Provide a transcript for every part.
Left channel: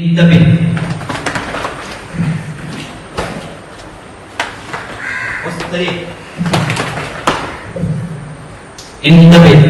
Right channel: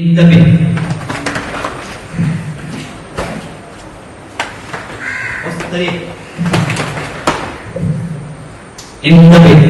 ইন্দাবি والطريق انتبه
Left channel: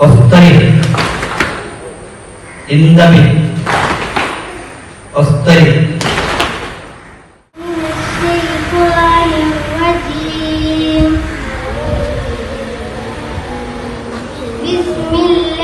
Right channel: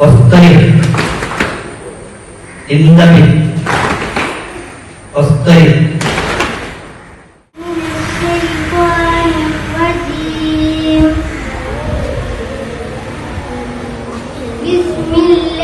والطريق انتبه والطريق بسم الله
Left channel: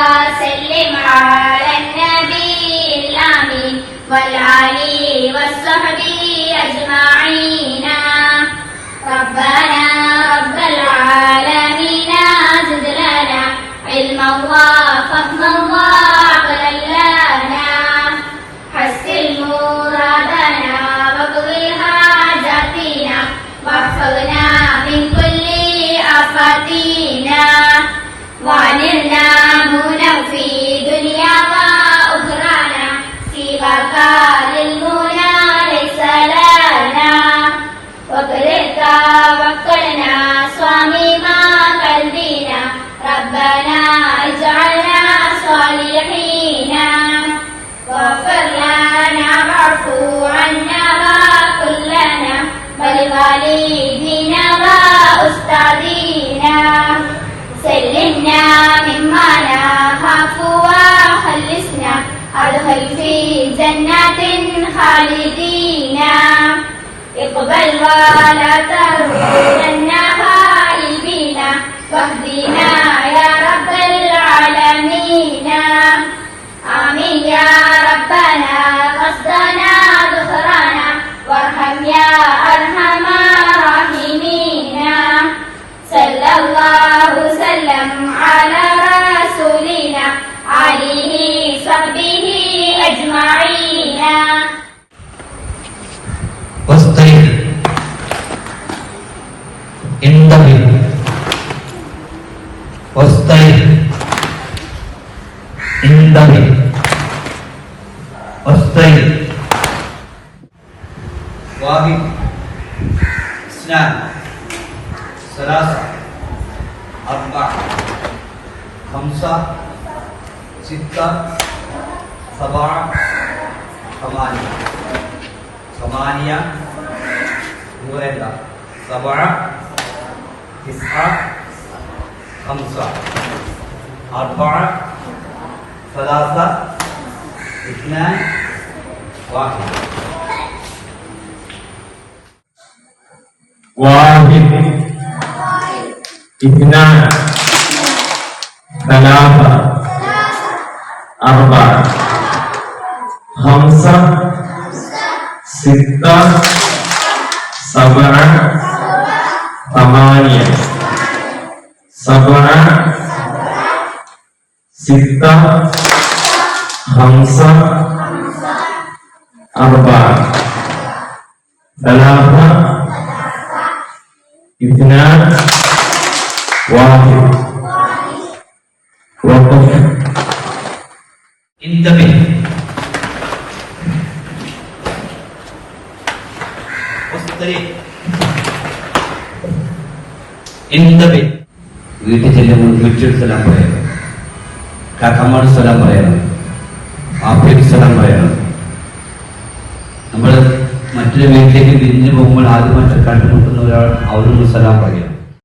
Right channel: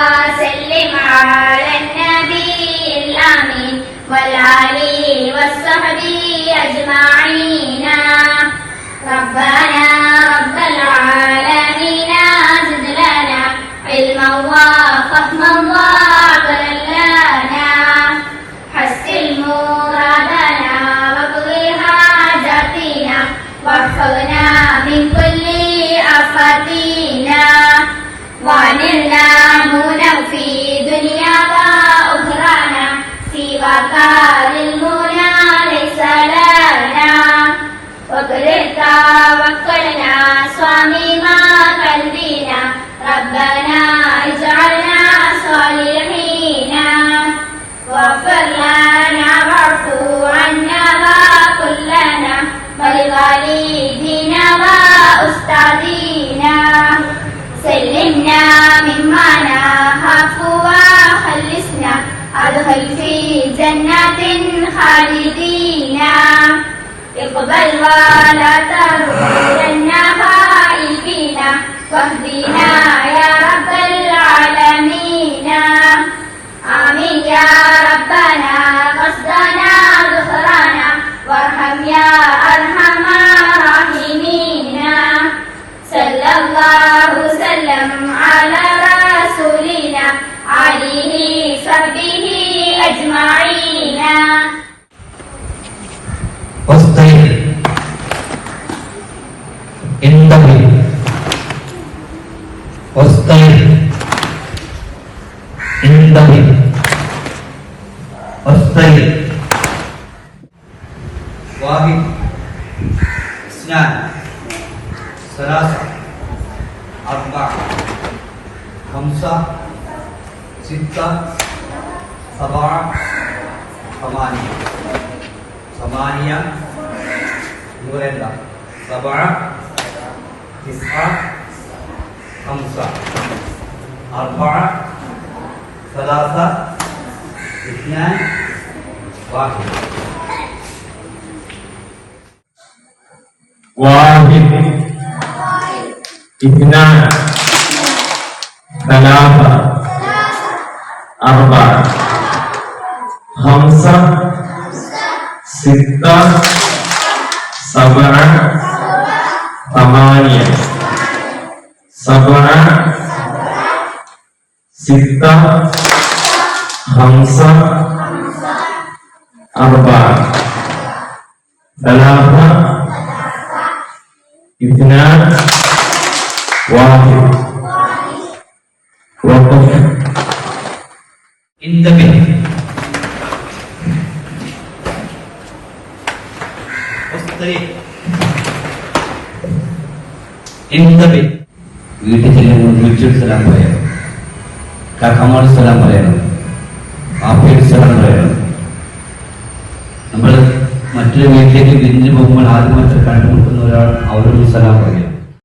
والعلي والصحب أجمعين ربنا رب العالمين زد لنا علما وفهما وعقلا لنا حسن مرادنا واقضي حاجاتنا واحفظنا من كل آفاتنا وعننا منفينا والدينا وأستاذينا سلمنا مما نخاف وخلصنا أدخل في جنات خالدينا اقبل ولا ترد لنا خائبين واهدينا أربعة خمسة ستة سبعة ثمانية ثمانية نوريلا سبعة تسعة خمسة أربعة ثلاثة اثنان واحد واحد Ibnana Talapa Arba Hamsa Sita Sabara Tamania Sabara Sita Hamsa Arba Talapa Ibnana വായി in the ബിസ്സ് തരീ in the ബി വീട്ടിൽ നിന്ന് മുത്തസ്സлам പറയുന്നു കാകമന് സലാം പറയുന്നു ആഫിയ സലാം പറയുന്നു നമ്മൾ മറ്റൊരു വീട്ടിൽ വീഞ്ഞുുമ്പോൾ ആൾ അവിടെ കണ്ടു ഒരു അവന് സലാം